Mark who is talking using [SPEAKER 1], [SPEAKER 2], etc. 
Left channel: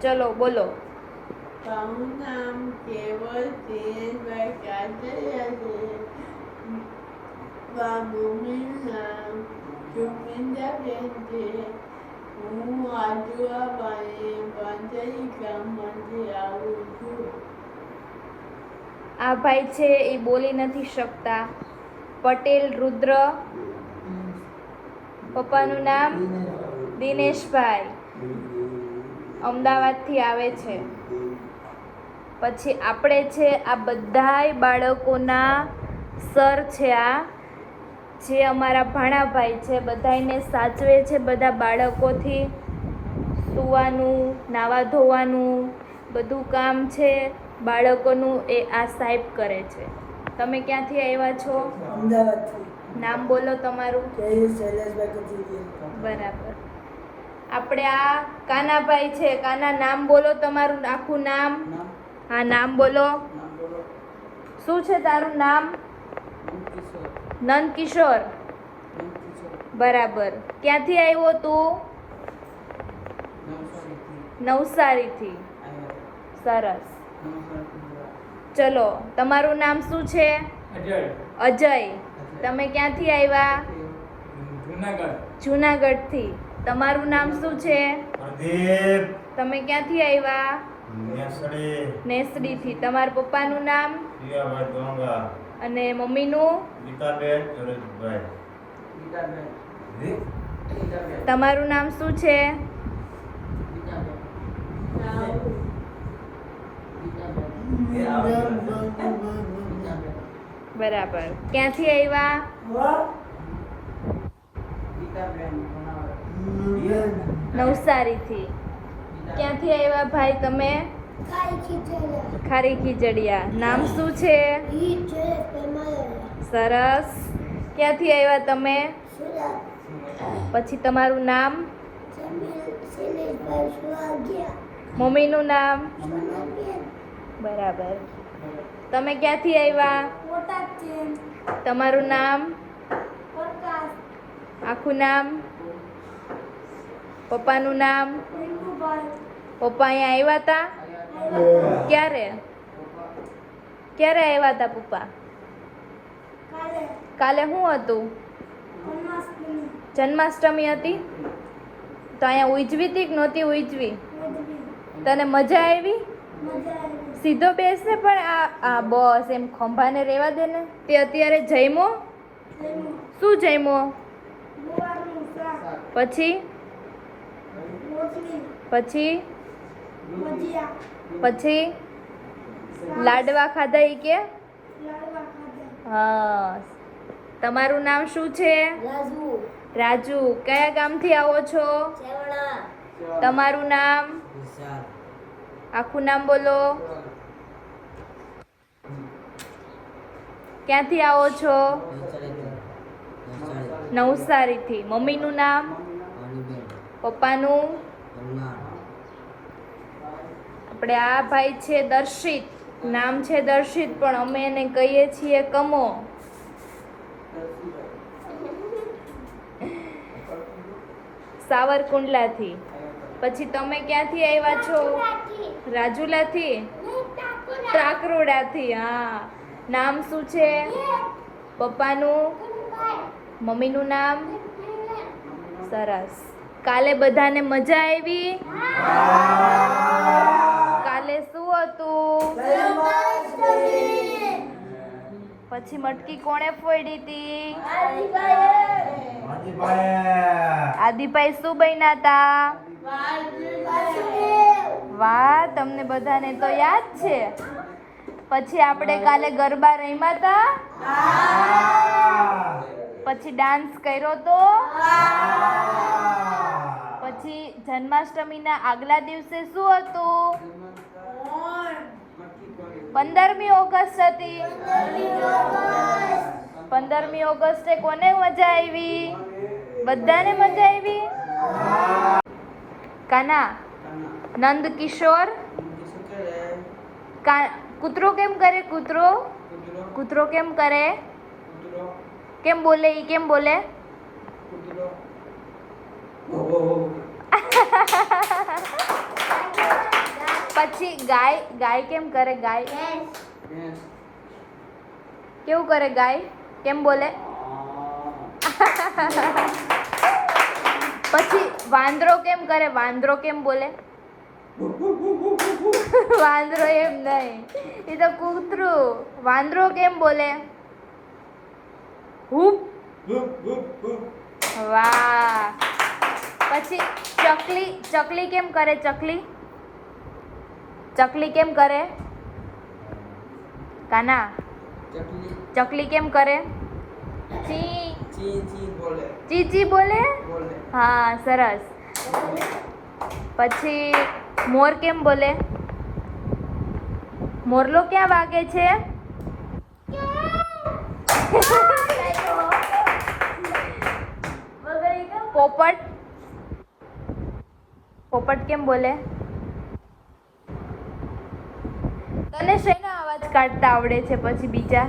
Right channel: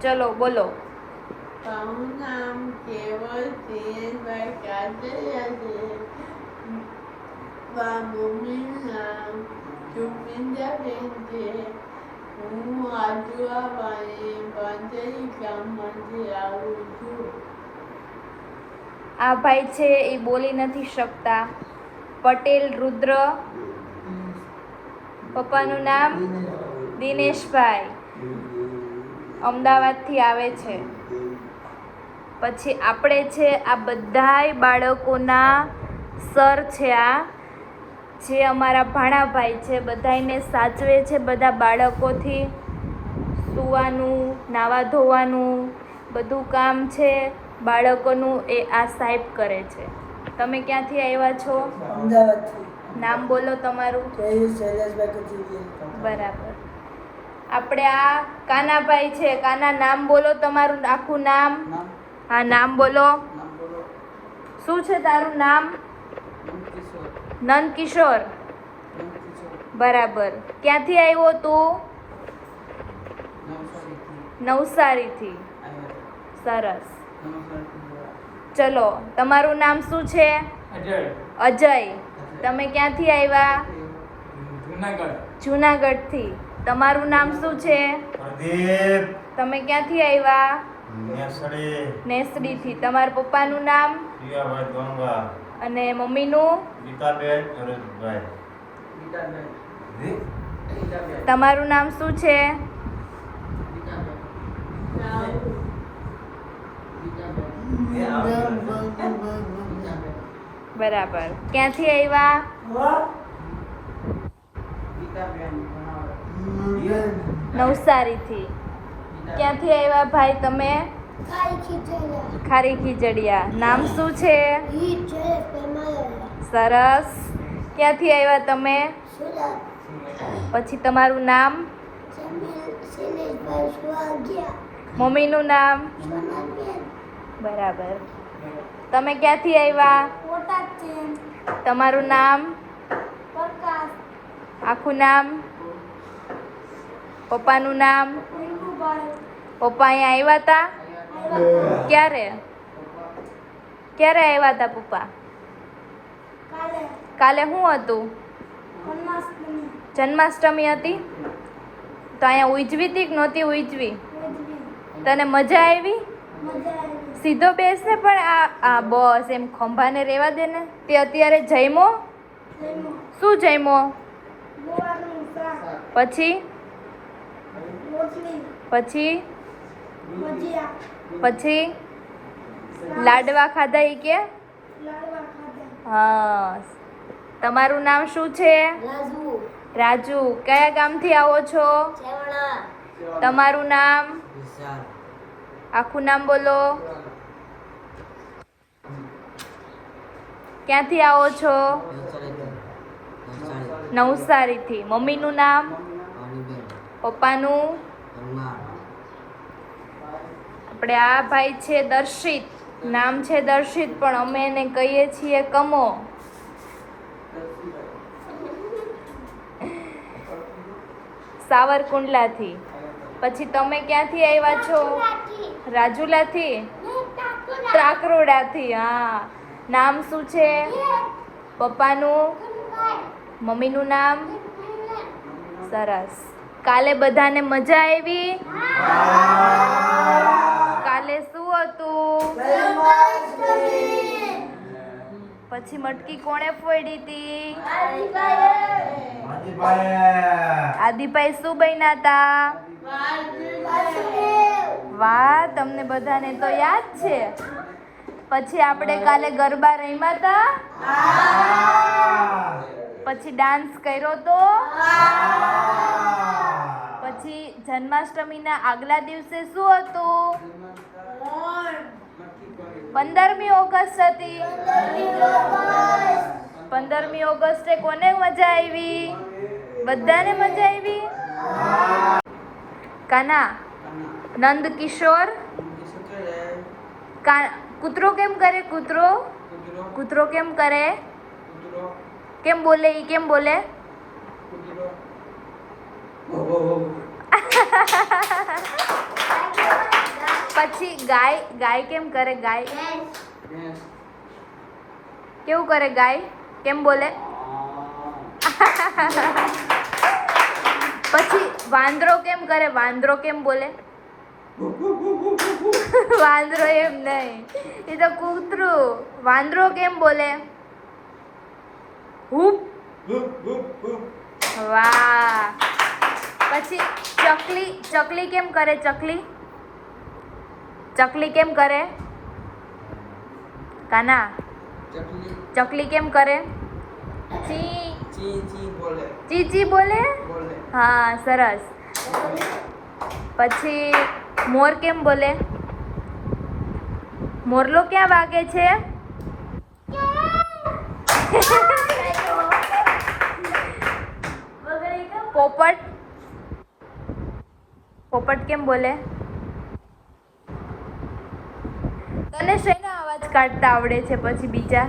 [SPEAKER 1] ચલો બોલો.
[SPEAKER 2] મારું નામ કેવલ દિનેશભાઈ કાતરિયા છે મમ્મીનું નામ સુમિંદાબેન છે હું ગામમાંથી આવું છું.
[SPEAKER 1] આ ભાઈ છે એ બોલી નથી શકતા. પટેલ રુદ્ર. પપ્પાનું નામ દિનેશભાઈ અમદાવાદથી આવે છે. પછી આપણે છે આ બધાય બાળકોના સર છે આ જે અમારા ભાણાભાઈ છે બધાયને સાચવે છે બધા બાળકોથી સૂવાનું નાવા ધોવાનું બધું કામ છે બાળકોનું એ આ સાહેબ કરે છે. તમે ક્યાંથી આવ્યા છો? નામ બોલો તમારું. બરાબર. આપણે આ કાનાભાઈ છે કાના નામ બોલો તમારું આખું નામ. હા નામ બોલો. શું છે તારું નામ? નંદ કિશોર બરાબર. ક્યાંથી આવ્યો તું? નવસારીથી. સરસ. ચલો તમારું નામ શું છે? અજય. તમે ક્યાંથી આવ્યા? જુનાગઢથી. તમારું નામ શું છે?
[SPEAKER 3] પ્રદીપ
[SPEAKER 1] તમે ક્યાંથી આવ્યા?
[SPEAKER 3] નેસડી.
[SPEAKER 1] નેસડીથી. તમારા પપ્પાનું નામ?
[SPEAKER 3] ગંગા.
[SPEAKER 1] અને મમ્મીનું?
[SPEAKER 3] ગીતાબેન નરેન્દ્રભાઈ
[SPEAKER 1] તમારું નામ શું છે? બરાબર. ક્યાંથી આવ્યા? નવસારીથી. ક્યાંથી આવ્યા ભાઈ તમે? ખારી ખીચડિયા નામ શું છે? સરસ. ક્યાંથી આવ્યા તમે? પછી તમારું નામ? મમ્મીનું નામ? બરાબર. તમે ક્યાંથી આવ્યા? તમારું નામ? આખું નામ? પપ્પાનું નામ? પપ્પા અહીંયા આવ્યા હતા? ક્યારે? ક્યારે આવ્યા હતા પપ્પા? કાલે શું હતું? જન્માષ્ટમી હતી? તો અહીંયા ઉજવી હતી કે નહોતી ઉજવી? તને મજા આવી? સીધો બેસે પણ આ આ બસ એમ ખંભાને રહેવા દે ને? તે અત્યારે જઈમો શું જઈમો પછી? પછી? પછી? લાડવા ખાધા એ કે? હા. તમારું નામ શું છે? રાજુ. કયા ગામથી આવો છો? તમારું નામ? આખું નામ બોલો. ક્યાંથી આવો છો? નવસારીથી. મમ્મીનું નામ? પપ્પાનું? આપણે આ ભાઈ છે દર્શિત, નામ છે દર્શિત, પણ અમે એને કહીએ છીએ કમો. સાવરકુંડલાથી. પછી તમે ક્યાંથી આવ્યા છો? રાજુલાથી? ત્રાકરોડાથી હા. નામ શું છે? પપ્પાનું? મમ્મીનું નામ? સરસ. કાલે બધાને મજા આવી? પછી મટકી કોણે ફોડી હતી આદિભાઈ શું બન્યા હતા વાહ, તમને બધાને તો યાદ છે. પછી આપણે કાલે ગરબા રમ્યા હતા પછી ડાન્સ કર્યો તો? પછી જન્માષ્ટમીના આગલા દિવસે શું હતું? પંદરમી ઓગસ્ટ હતી. પંદરમી ઓગસ્ટે કોને મજા આવી? બધાને મજા આવી? કાના નંદ કિશોર કૂતરો કેમ કરે કૂતરો? કૂતરો કેમ કરે? કેમ બોલે ઈ કેમ બોલે? ગાય ગાય કેમ કરે ગાય?
[SPEAKER 2] Yes.
[SPEAKER 1] કેવું કરે ગાય? કેમ બોલે? પછી વાંદરો કેમ કરે? વાંદરો કેમ બોલે? વાંદરો એમ નહીં. એ તો કૂતરું. વાંદરો કેમ બોલે? હૂપ. વાહ. પછી ચકલી ચકલી કેમ કરે ચકલી? ચકલી કેમ કરે? કાના? ચકલી. કેમ કરે? ચી ચી ચી બોલે? હા સરસ. પછી મોર કેમ બોલે? મોરલો ક્યાં વાગે છે? પોપટ. પોપટ કેમ બોલે? તને શેના અવાજ કાઢતા આવડે છે? પછી બીજા?